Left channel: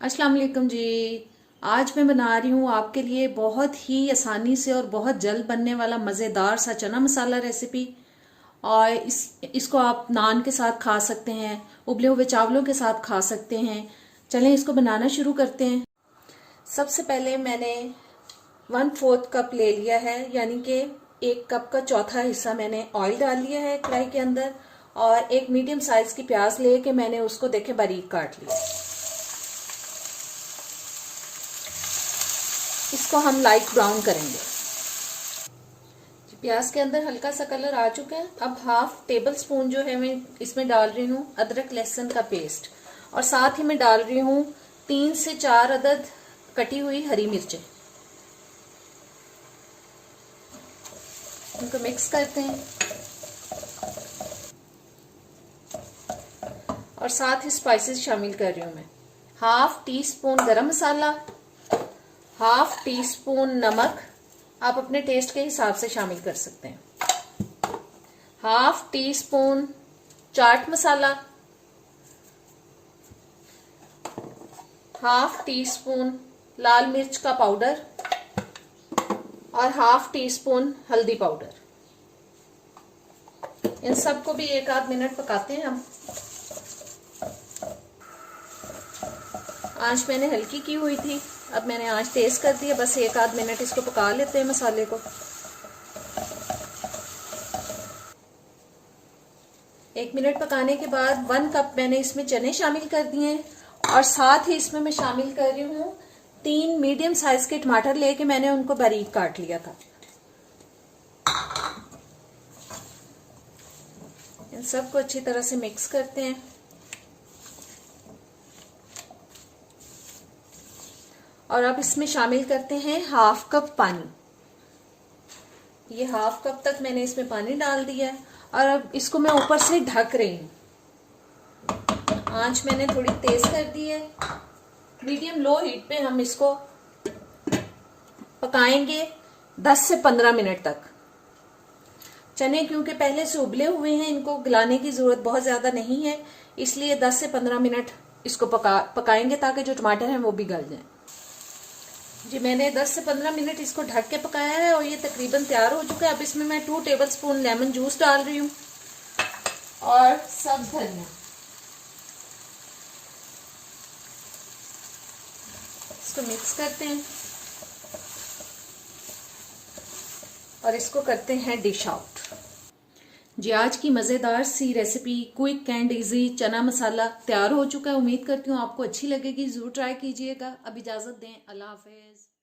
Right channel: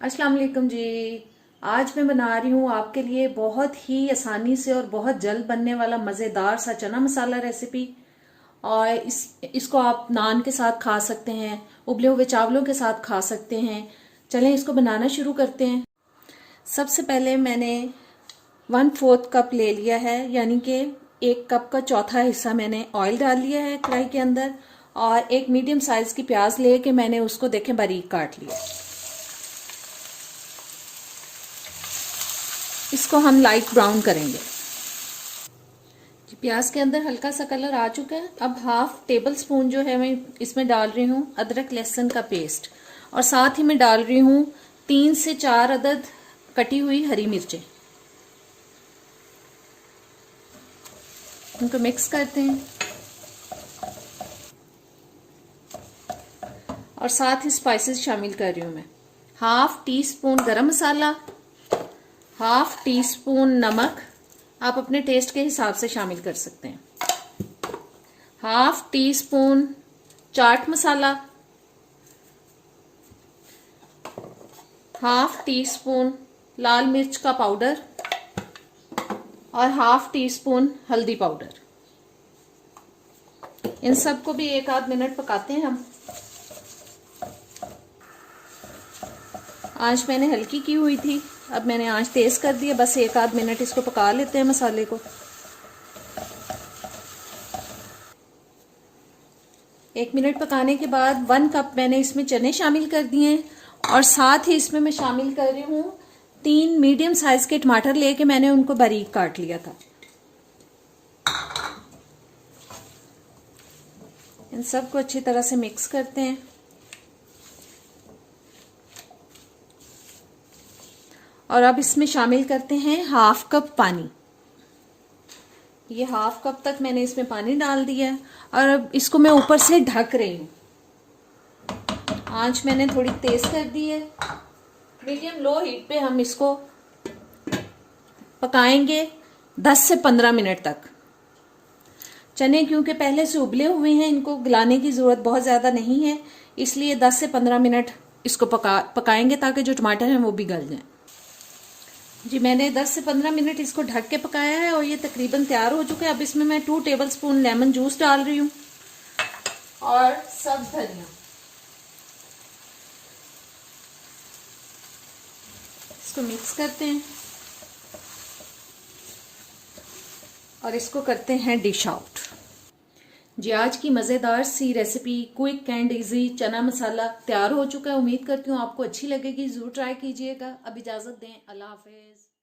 अस्सलाम वालेकुम जी। आज मैं बना रही हूँ आपके लिए बहुत ही आसानी से और बहुत जल्द बनने वाला मज़ेदार सा चना मसाला रेसिपी। और इसको आप नान के साथ खा सकते हैं, उबले हुए चावलों के साथ खा सकते हैं। चलें इसको बनाना शुरू करते हैं। सबसे पहले मैंने 1/4 कप ले लिया है, यानी कि 1 कप का चौथा हिस्सा मैंने ऑयल डाल लिया है कढ़ाई के अंदर। और एक मीडियम साइज की प्याज लेके मैंने उसको देखें बारीक काट लिया। इसको हम लाइट ब्राउन करेंगे। प्याज के अंदर हल्का सा कलर आ चुका है। अब 1/2 टेबल स्पून जो है मैं इसमें डाल रही हूँ अदरक लहसुन का पेस्ट। और साथ ही मैं डाल रही हूँ 3 से 4 अदद कटी हुई हरी मिर्चें। इनको मिक्स करते हैं। और साथ ही स्पाइसेस शामिल कर रही हूँ मैं। 1/2 टीस्पून गरम मसाला, 1/2 टीस्पून नमक, आप अपने टेस्ट के हिसाब से शामिल कर सकते हैं। 1/2 टीस्पून चाट मसाला, 1/2 टीस्पून लाल मिर्च का पाउडर और 1/2 टीस्पून हल्दी पाउडर। इन सबको भी 1 आध मिनट पकाते हैं हम। आंच मैंने हल्की की हुई थी, अब मैंने आंच तेज कर दी है। बस 1 आध मिनट इसको पका लेते हैं मसाले को। 1 मिनट पकाने के बाद 1 कप मैंने इसमें चने शामिल कर दिए हैं। और साथ ही इसमें मैं शामिल कर रही हूँ 3 मीडियम साइज के टमाटर लेके मैंने उनको बारीक काट लिया था। इन सबको अच्छी तरह से मिक्स करते हैं। और अब इसमें शामिल करते हैं 1/2 कप पानी। ये 1/2 कप तक मैंने इसमें पानी डाल दिया है। और अब इसको मैं ऊपर से ढक रही हूँ। आंच मैंने थोड़ी तेज कर दी है। मीडियम लो हीट पे हम इसको पकाएंगे 10 से 15 मिनट तक। चने क्योंकि पहले से उबले हुए हैं, इनको गलाने की जरूरत बहुत ज्यादा नहीं है, इसलिए 10 से 15 मिनट इसको पकाएंगे ताकि जो टमाटर हैं वो भी गल जाएं। जी मैंने 10 से 15 मिनट इसको ढक के पकाया है और ये तकरीबन तैयार हो चुका है। अब इसमें मैं 2 टेबल स्पून लेमन जूस डाल रही हूँ और सब्ज धनिया। इसको मिक्स करते हैं और इसको करते हैं डिश आउट। जी आज की मज़ेदार सी रेसिपी क्विक एंड इजी चना मसाला तैयार हो चुका है। उम्मीद करती हूँ आपको अच्छी लगेगी, जरूर ट्राई कीजिएगा। अब इजाज़त दें, अल्लाह हाफिज।